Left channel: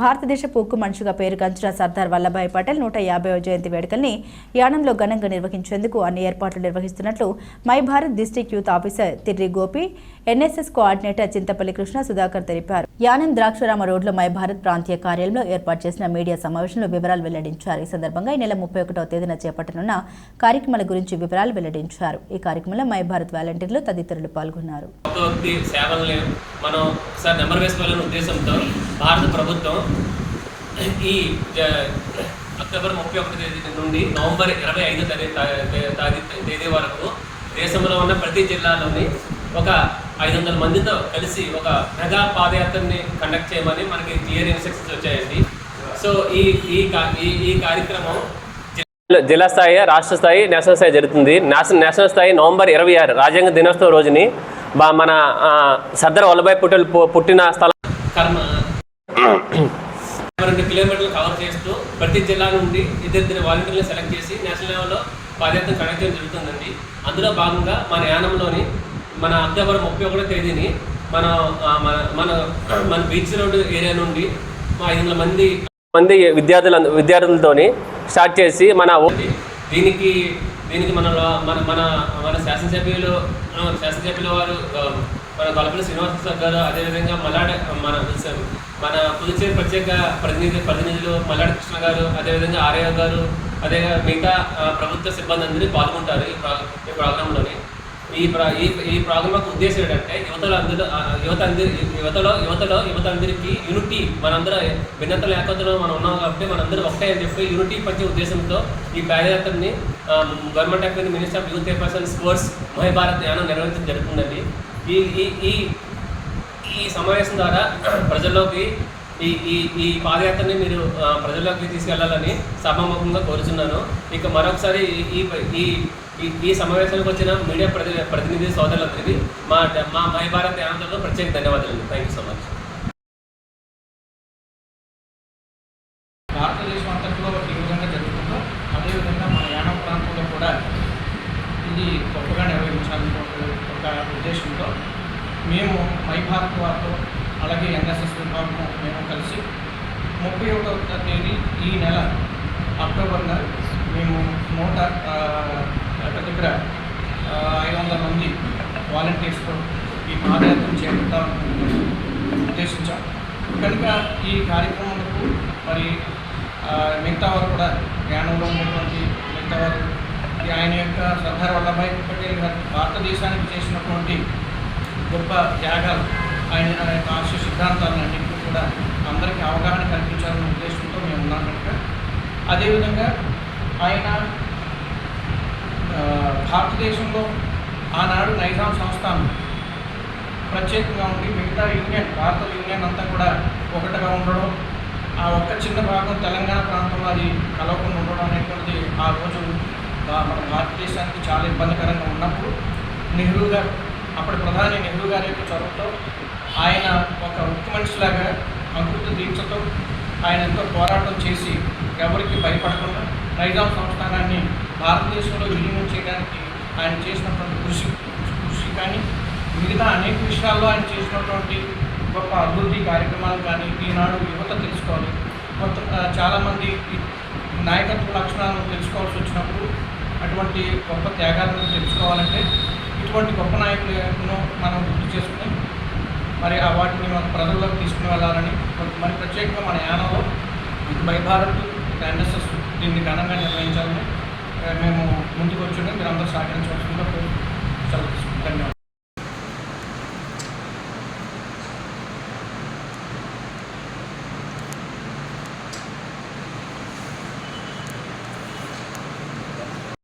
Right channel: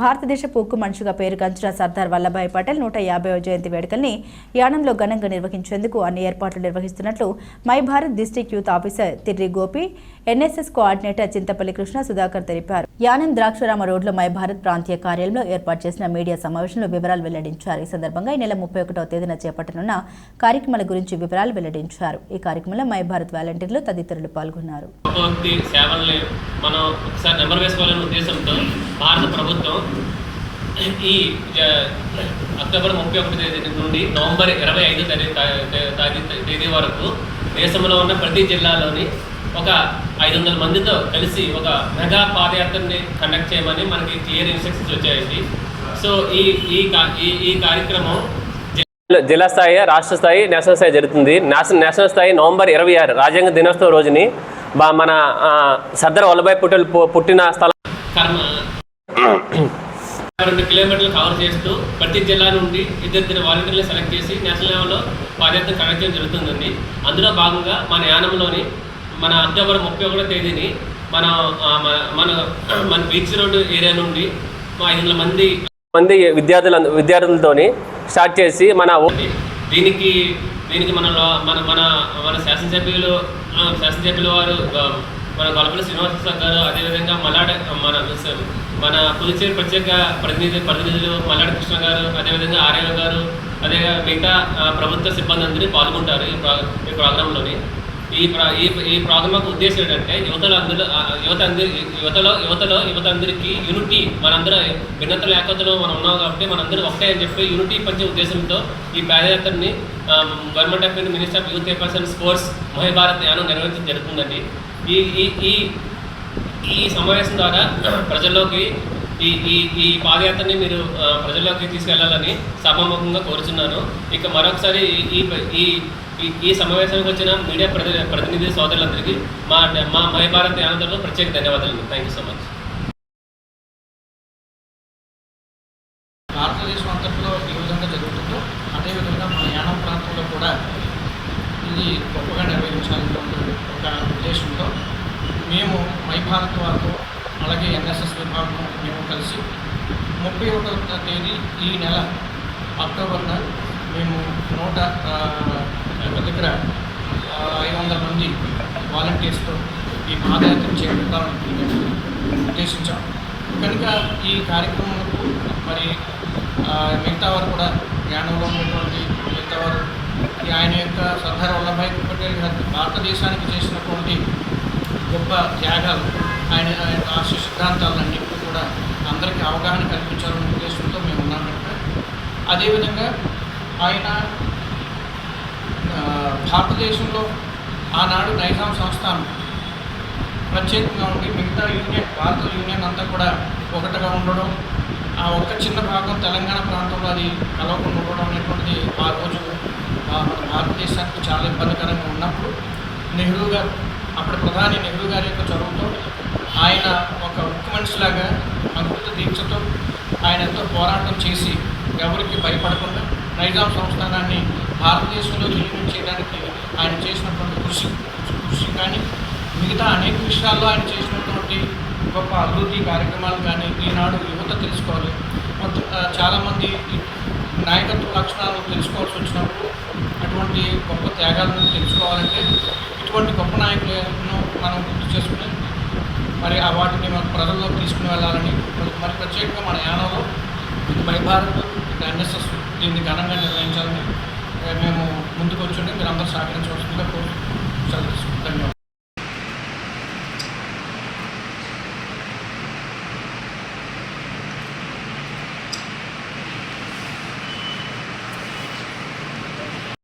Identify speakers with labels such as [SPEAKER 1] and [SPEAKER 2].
[SPEAKER 1] భారతదేశపు ఉక్కు మనిషిగా పేరుగాంచిన సర్దార్ వల్లభాయ్ పటేల్ నూట యాభైవ జయంతి వేడుకల్ని యానంలో ఘనంగా నిర్వహించేందుకు అన్ని ఏర్పాట్లు నిర్వహిస్తున్నట్లు my Bharat district youth officer Tirri Gopi NSS coordinator Chintapalli Krishna Sudhakar తెలిపారు. యానం ద్రాక్షరామ రోడ్లో మై భారత్ ప్రాంతీయ కార్యాలయంలో ఏర్పాటు చేసిన మీడియా సమావేశంలో వివరాలు వెల్లడించారు. ఈ సందర్భంగా ఈ నెల ముప్పై ఒకటవ తేదీన చేపట్టనున్న కార్యక్రమాల గురించి వివరాలు వెల్లడించారు. ఈ కార్యక్రమంలో మై భారత్ వాలంటీర్లు తదితరులు పాల్గొన్నారు.
[SPEAKER 2] మనం ఒకసారి నెంబర్ వేసుకోవాలనే ఉద్దేశంతో భారత ప్రభుత్వం ఈ అక్టోబర్ ముప్పై ఒకటి తేదీ నుండి నవంబర్ ఇరవై ఐదు తేదీ తేదీ వరకు దేశంలో ఉన్న ప్రతి జిల్లాలోని ఒక ఐదు వందల మందితో కలిసి ఒక మెగా పాదయాత్రని కండక్ట్ చేయమని మనకి క్లియర్ ఇన్స్ట్రక్షన్స్ వచ్చాయండి. సో ఈ ఈ ఈ ఈ కార్యక్రమం
[SPEAKER 3] జిల్లా స్థాయి రాష్ట్ర స్థాయి నేషనల్ స్థాయి జరుగుతుంది. నేషనల్ నేషనల్ స్థాయి నవంబర్ ఇరవై ఆరు రాజ్యాంగ దినోత్సవం రోజుని మన సర్దార్ వల్లభాయ్ పటేల్ పుట్టిన స్థలం
[SPEAKER 2] కర్మ రెండు కిలోమీటర్లు కవర్ చేస్తూ ప్రతి జిల్లా నుండి ఇద్దరిద్దరు వాలంటీర్లు సెలెక్ట్ చేసి నేషనల్ లెవెల్లో పాదయాత్ర కండక్ట్ చేయడం జరుగుతుందండి. అందులో భాగంగా మన యానంలోని మన అక్టోబర్ ముప్పై ఒకటో తేదీని మన మన- మన బీచ్ రోడ్డు ఏరియా నుండి మా ఐదు వందల మంది
[SPEAKER 3] మంది విద్యార్థుల విద్యార్థులతోని స్టార్ట్ చేసి మన
[SPEAKER 2] దీనికి దీనికి మన లో- మన మన మన శాసనసభ్యులు శాసనసభ్యుల వారు మన గొల్లపల్లి శ్రీనివాస గారు అదేవిధంగా మలాడ మన మన పుదుచ్చేరి ప్రత్యేక ప్రతినిధి ప్రతినిధులు మల్లాడి కృష్ణ గారు అదేవిధంగా ఆర్య గారు అదే మిగతా ప్రభుత్వ సిబ్బంది అందరూ పాల్గొంటారు ఈ ప్రా ఈ ప్రోగ్రాంలోని. ఈ ప్రా ఈ ఈ ప్రోగ్రామ్ యొక్క ఉద్దేశం ఏంటంటే యువతలో అందరూ యువత అందరి యువతలో యువతలో యువత అందరికీ యూనిటీ మనందరూ భిన్నతలు ఏకతలో మనం ఉన్నాం కాబట్టి మనందరూ ఒకటే అని చెప్పి యూనిటీ పంచే ఉద్దేశంతో ఈ పాదయాత్రని government of India minister of youth affairs and sports మహిభారత్ Yanam నిర్వహించడం జరుగుతుందండి. ఈ ఈ ఈ సమావేశం ద్వారా ప్రజల్లోకి ఈ ఈ ఈ పాదయాత్రని మీరు ప్రజల్లోకి తీసుకెళ్ళాలని సభాముఖంగా కోరుచున్నాను. ఇక మరొకసారి ఈ- ఈ ఈ సమావేశానికి వచ్చిన మీడియా ప్రతి ప్రతినిధి సోదరులందరికీ మా మా మై భారత్ యానంలో ప్రత్యేక ధన్యవాదాలు థ్యాంక్ యూ సో మచ్
[SPEAKER 4] భారతదేశం అంతట్లో ఏ విధంగా జరుగుతుందో అదేవిధంగా మన యానం ప్రాంతంలో కూడా ఇది గొప్పగా నిర్వహించాలన్నటువంటి ఒక ఉద్దేశంతో మేము మైభారత్ వారితో అలాగే ఎన్ఎస్ఎస్ విభాగం మేము కలిసి ముప్పై ఒకటవ తేదీ ఈ నెల అక్టోబర్న మేము నూట దగ్గర ఐదు వందల మంది వాలంటీర్స్తో ఈ పాదయాత్ర చేపట్టాలని మేము ఉద్దేశించాం. కనుక ఈ కార్యక్రమంకు మరి మిగతా వారు కూడా జ్ఞానంలో ఉన్నటువంటి మిగతా వారు ఆయన యొక్క సర్దార్ వల్లభాయ్ పటేల్ గారు భారతదేశానికి చేసినటువంటి గొప్ప త్యాగాలు. ఆయన ఆయన ఆశయ సిద్ధాంతాలన్నింటినీ కూడా అందరికీ అవగాహన కల్పించాలనే ఉద్దేశంతో మేము ఉన్నాం కనుక. అదేవిధంగా ఆయన భారతదేశంలో ఆనాడు నైజాం సంస్థానం ప్రత్యేకంగా ఉండి మిగతా యూనియన్ భారత యూనియన్ అంతా కూడా ఒకటిగా ఉండడం ఆ ఒక్క చిన్న భాగం తెలంగాణ ప్రాంతంలో అది కలవకుండా ఉండడం అనేటువంటిది ఆ రోజు మన భారతదేశానికి చాలా ఇబ్బందికరంగా ఉన్నప్పుడు నెహ్రూ గారు అప్పటి ప్రధాని నెహ్రూ గారి యొక్క చొరవతో ఆయన ఒక ఉక్కు మనిషిలాగా అంకుత దీక్షతో ఆయన ఎంతో పోరాటం చేసి ఎవరికి భయపడకుండా నైజాం సంస్థానాన్ని భారతదేశంలో విలీనం చేయడానికి ఆయన చేసినటువంటి కృషి కృషి కానీ మిగతా అనేక విషయాల్లో ఆయన చేసినటువంటి గొప్ప అభివృద్ధి కార్యక్రమాలు కానీ ఈనాడు యువత తెలుసుకోవాలి. మొత్తం చాలామంది నాయకత్వ లక్షణాలను తెలుసుకోవాల్సి వచ్చినప్పుడు అటువంటి గొప్ప త్యాగాలను తెలుసుకోవాలంటే ఇటువంటి గొప్ప నాయకులను మనం గుర్తు చేసుకుని మరి ఆ వాటిని మన ప్రజల్లోకి తీసుకుని వెళ్ళాలని మరి- ప్రత్యేకంగా మన యానంలో ఇది భయభారత్ భారత్ ఎన్ఎస్ఎస్ దీన్ని ఘనంగా నిర్వహించాలని మేము ముందుకు వచ్చి మీరు అందరూ సహకరించవలసిందిగా కోరు సెలవు ధన్యవాదాలు.